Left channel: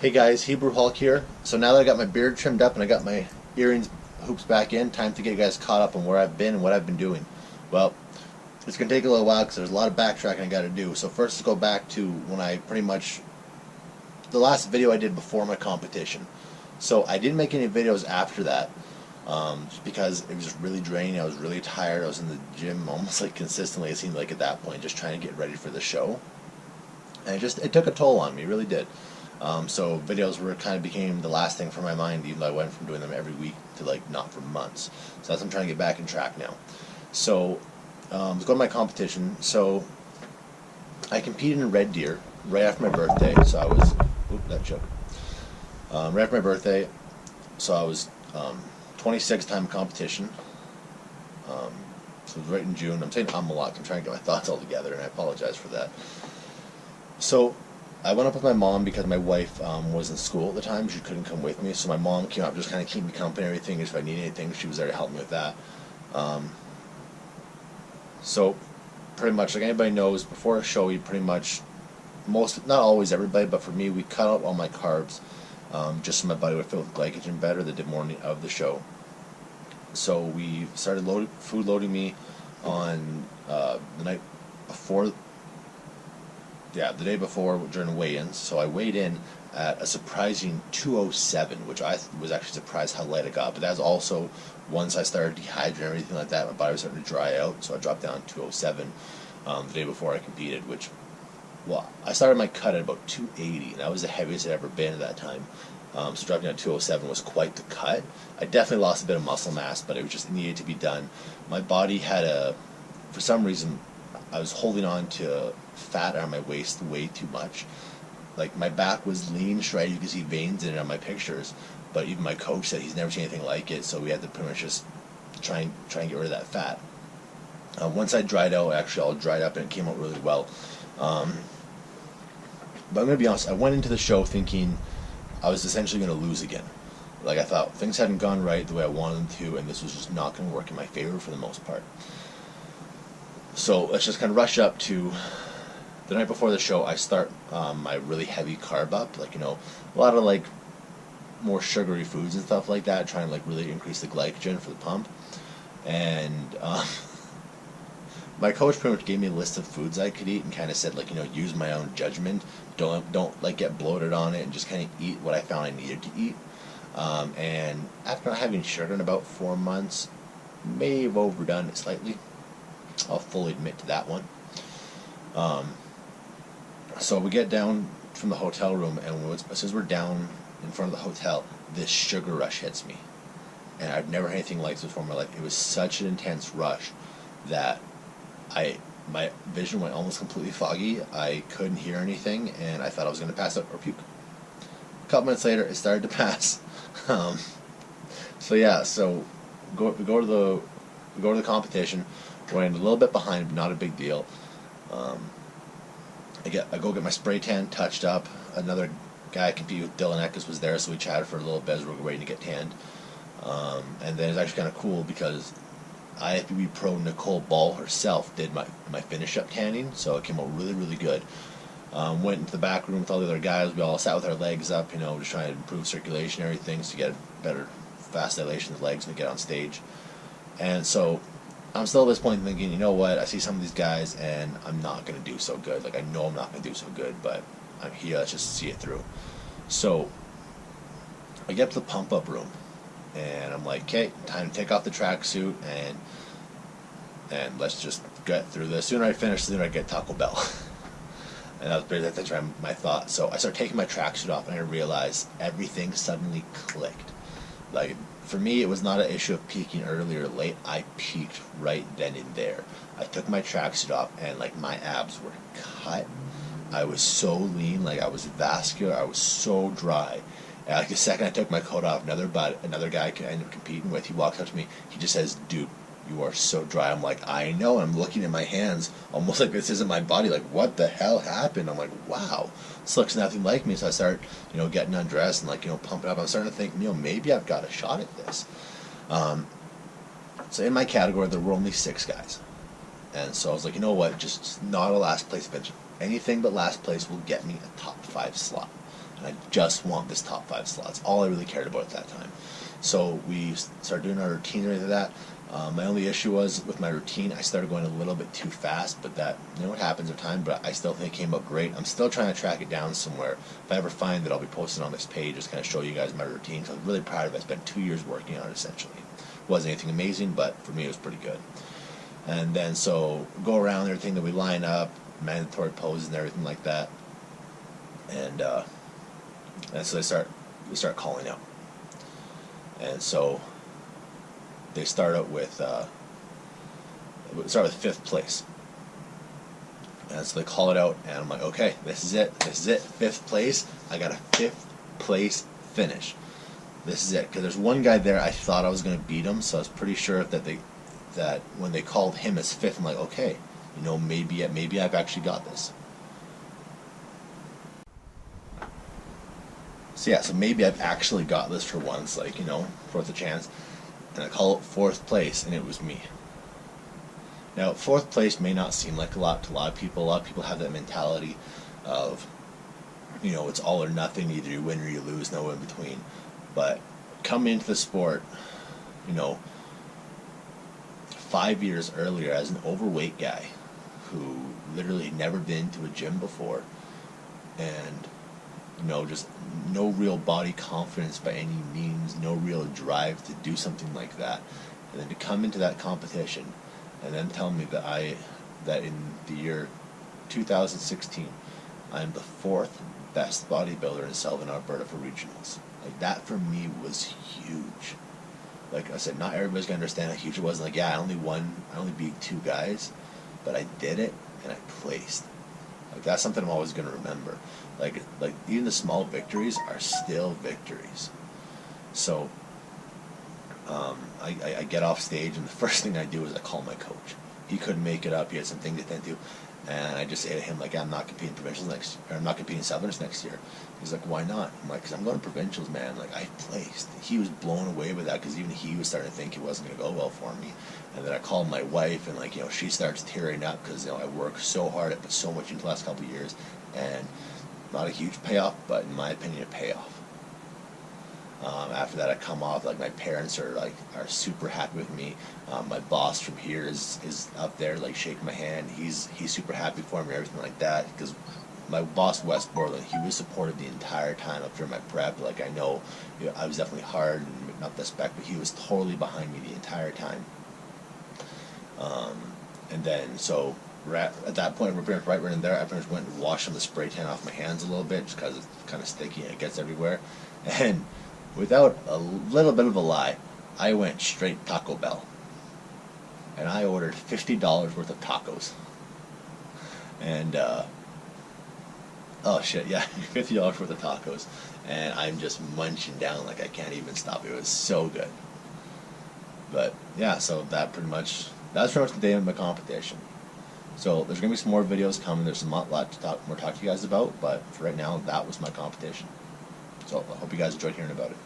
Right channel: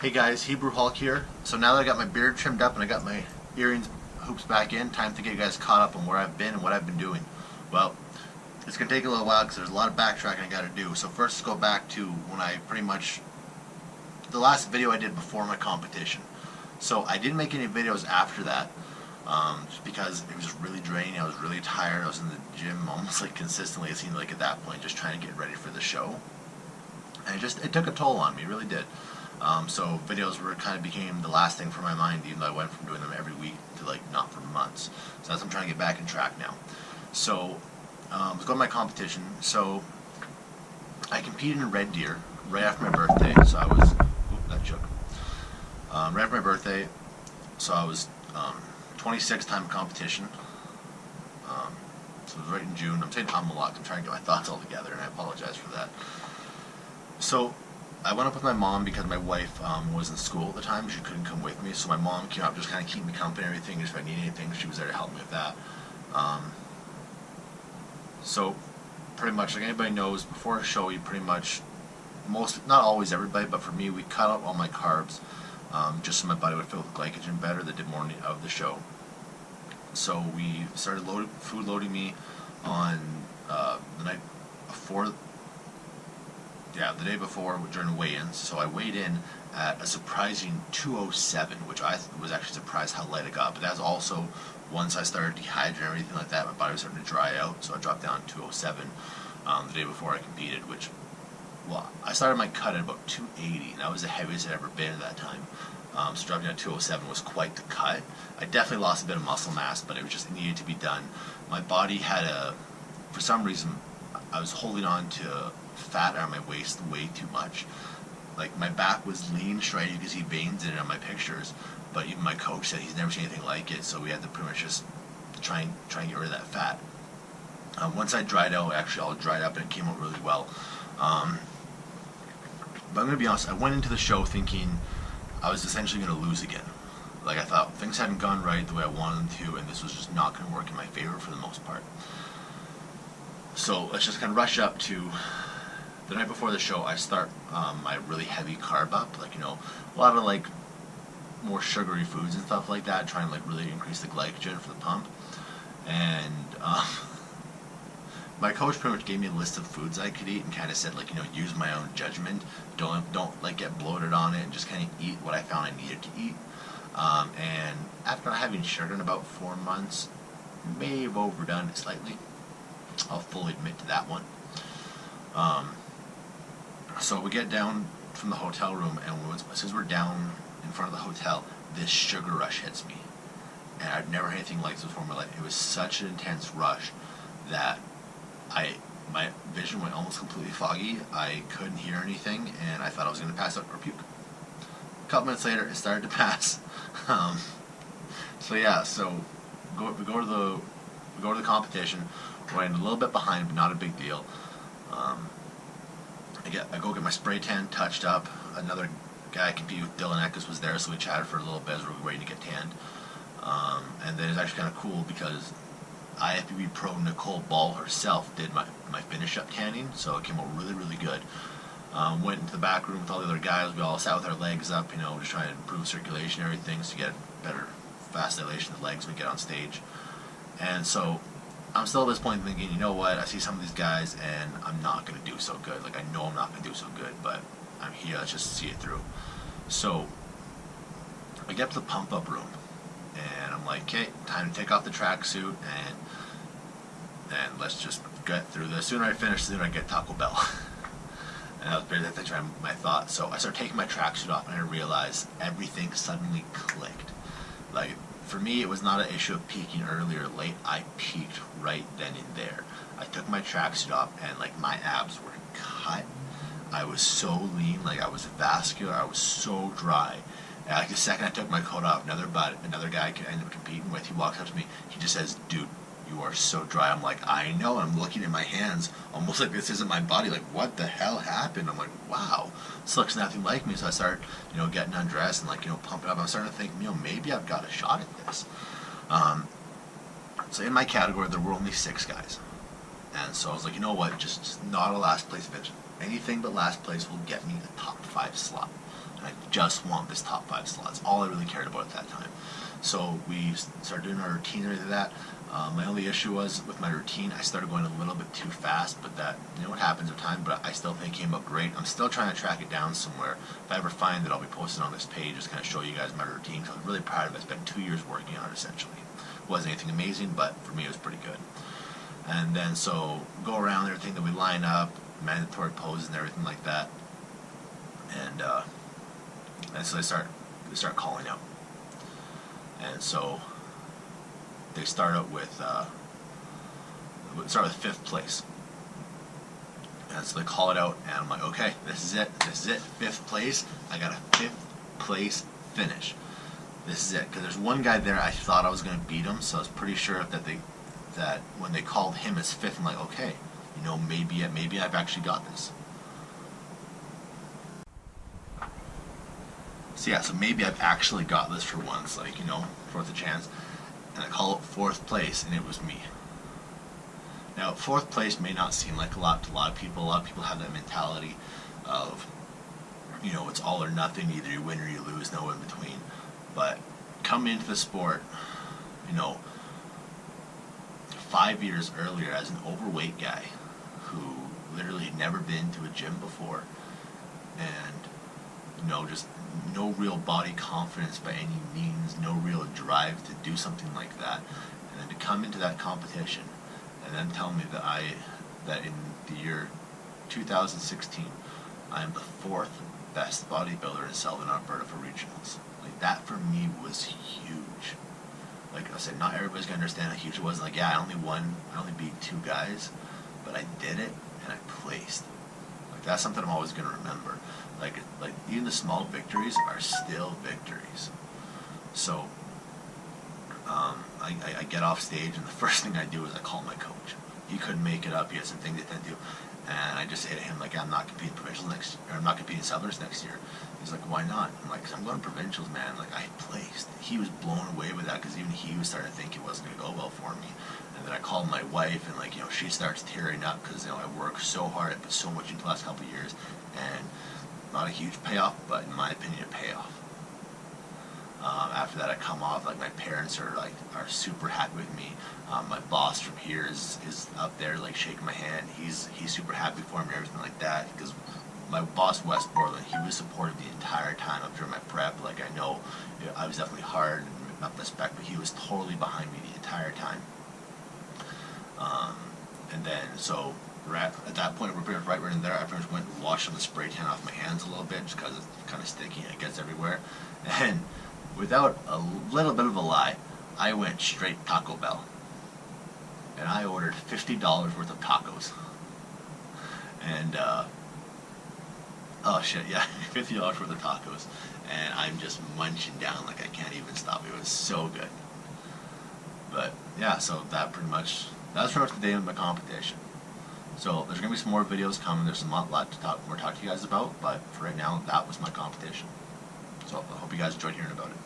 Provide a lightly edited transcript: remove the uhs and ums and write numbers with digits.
Hey guys, Hebrew Hulk here. So now that I got my beard trimmed up and I got my earrings hoops back in, time to get you guys caught up on where I've been and what I've been doing. Well, it's going to take a little while because there's a lot of backtracking I got to do. So first let's go back to when I pretty much, the last video I did before my competition. So I didn't make any videos after that just because it was just really draining. I was really tired. I was in the gym almost like consistently, it seemed like at that point, just trying to get ready for the show. And it took a toll on me, it really did. So videos were kind of became the last thing from my mind, even though I went from doing them every week to like not for months. So that's I'm trying to get back in track now. So let's go to my competition. So I competed in Red Deer right after my birthday. So I was, that shook. Right after my birthday, so I was 26th time competition. So it was right in June. I'm saying I'm a lot. I'm trying to get my thoughts all together, and I apologize for that. So I went up with my mom because my wife was in school at the time. She couldn't come with me, so my mom came up just kind of keep me company and everything. If I need anything, she was there to help me with that. So pretty much like anybody knows, before a show, we pretty much, not always everybody, but for me, we cut out all my carbs just so my body would fill with glycogen better the morning of the show. So we started food loading me on the night before. Yeah, the day before during weigh-ins. So I weighed in at a surprising 207, which I was actually surprised how light it got. But that was also once I started dehydrating and everything like that, my body was starting to dry out. So I dropped down to 207 the day before I competed, which, well, I started my cut at about 280, and that was the heaviest I'd ever been at that time. So dropping down to 207 was quite the cut. I definitely lost a bit of muscle mass, but it needed to be done. My body had for some reason, I was holding on to fat on my waist way too much. Like my back was lean, shredded. You can see veins in it on my pictures, but even my coach said he's never seen anything like it. So we had to pretty much just try and get rid of that fat. Once I dried out, actually all dried up and it came out really well. But I'm gonna be honest. I went into the show thinking I was essentially gonna lose again. Like I thought things hadn't gone right the way I wanted them to, and this was just not gonna work in my favor for the most part. So let's just kind of rush up to the night before the show. I start my really heavy carb up, like, a lot of like more sugary foods and stuff like that, trying to like really increase the glycogen for the pump. And my coach pretty much gave me a list of foods I could eat and kind of said like, use my own judgment. Don't like get bloated on it, and just kind of eat what I found I needed to eat. And after not having sugar in about 4 months, may have overdone it slightly. I'll fully admit to that one. So we get down from the hotel room, and as soon as we're down in front of the hotel, this sugar rush hits me. And I've never had anything like this before in my life. It was such an intense rush that my vision went almost completely foggy. I couldn't hear anything, and I thought I was going to pass out or puke. A couple minutes later, it started to pass. So we go to the competition. We're a little bit behind, but not a big deal. I go get my spray tan touched up. Another guy I compete with, Dylan Eckes, was there, so we chatted for a little bit as we were waiting to get tanned. And then it's actually kind of cool because IFBB pro Nicole Ball herself did my finish up tanning, so it came out really, really good. Went into the back room with all the other guys. We all sat with our legs up, just trying to improve circulation and everything to get better vasodilation of the legs when we get on stage. And so I'm still at this point thinking, you know what, I see some of these guys and I'm not going to do so good. Like, I know I'm not going to do so good, but I'm here, let's just see it through. So I get to the pump-up room, and I'm like, okay, time to take off the tracksuit, and let's just get through this. The sooner I finish, the sooner I get Taco Bell. And that's my thought. So I start taking my tracksuit off, and I realized everything suddenly clicked. Like, for me, it was not an issue of peaking early or late. I peaked right then and there. I took my tracksuit off, and like my abs were cut. I was so lean, like I was vascular. I was so dry. And like the second I took my coat off, another guy I ended up competing with, he walks up to me. He just says, "Dude, you are so dry." I'm like, I know. I'm looking at my hands, almost like this isn't my body. Like, what the hell happened? I'm like, wow, this looks nothing like me. So I start, getting undressed and like, pumping up. I'm starting to think, maybe I've got a shot at this. So in my category, there were only 6 guys, and so I was like, you know what? Just not a last place finish. Anything but last place will get me a top 5 slot. and I just want this top 5 slot. That's all I really cared about at that time. So we started doing our routine and everything like that. My only issue was with my routine, I started going a little bit too fast, but that, you know what happens with time, but I still think it came out great. I'm still trying to track it down somewhere. If I ever find that, I'll be posting on this page, just kind of show you guys my routine, because I was really proud of it. I spent 2 years working on it, essentially. It wasn't anything amazing, but for me it was pretty good. And then so go around everything that we line up, mandatory poses and everything like that. And so they start calling out. And so they start out with start with 5th place. And so they call it out, and I'm like, okay, this is it, 5th place. I got a 5th place finish. This is it, because there's one guy there I thought I was going to beat him, so I was pretty sure that when they called him as 5th, I'm like, okay, you know, maybe I've actually got this. So yeah, so maybe I've actually got this for once, like, you know, fourth a chance. And I call it 4th place, and it was me. Now, 4th place may not seem like a lot to a lot of people. A lot of people have that mentality of, you know, it's all or nothing. Either you win or you lose, no in between. But coming into the sport, you know, 5 years earlier as an overweight guy who literally had never been to a gym before, and, you know, just no real body confidence by any means, no real drive to do something like that, and then to come into that competition and then tell me that in the year 2016 I am the 4th best bodybuilder in Selwyn, Alberta for regionals. Like, that for me was huge. Like I said, not everybody's gonna understand how huge it was. Like, yeah, I only beat 2 guys, but I did it and I placed. Like, that's something I'm always gonna remember. Like even the small victories are still victories. So I get off stage, and the first thing I do is I call my coach. He couldn't make it up. He had some things to attend to, and I just say to him, like, I'm not competing provincials I'm not competing Southerners next year. He's like, why not? I'm like, because I'm going to provincials, man. Like, I placed. He was blown away with that, because even he was starting to think it wasn't going to go well for me. And then I called my wife, and, like, you know, she starts tearing up, because, you know, I worked so hard. I put so much into the last couple of years, and not a huge payoff, but in my opinion, a payoff. After that, I come off, like, my parents are super happy with me. My boss from here is up there, like, shaking my hand. He's super happy for me, everything like that, because my boss, Wes Borland, he was supportive the entire time up during my prep. Like, I know, you know, I was definitely hard and not the spec, but he was totally behind me the entire time. And then, so at that point, we're pretty much right in there. I pretty much went and washed some of the spray tan off my hands a little bit, just because it's kind of sticky and it gets everywhere. And without a little bit of a lie, I went straight Taco Bell. And I ordered $50 worth of tacos. And, oh shit, yeah, $50 worth of tacos. And I'm just munching down like I can't even stop. It was so good. But, yeah, so that's pretty much the day of my competition. So there's going to be some more videos coming. There's a lot to talk to you guys about. But for right now, that was my competition. So I hope you guys enjoyed hearing about it.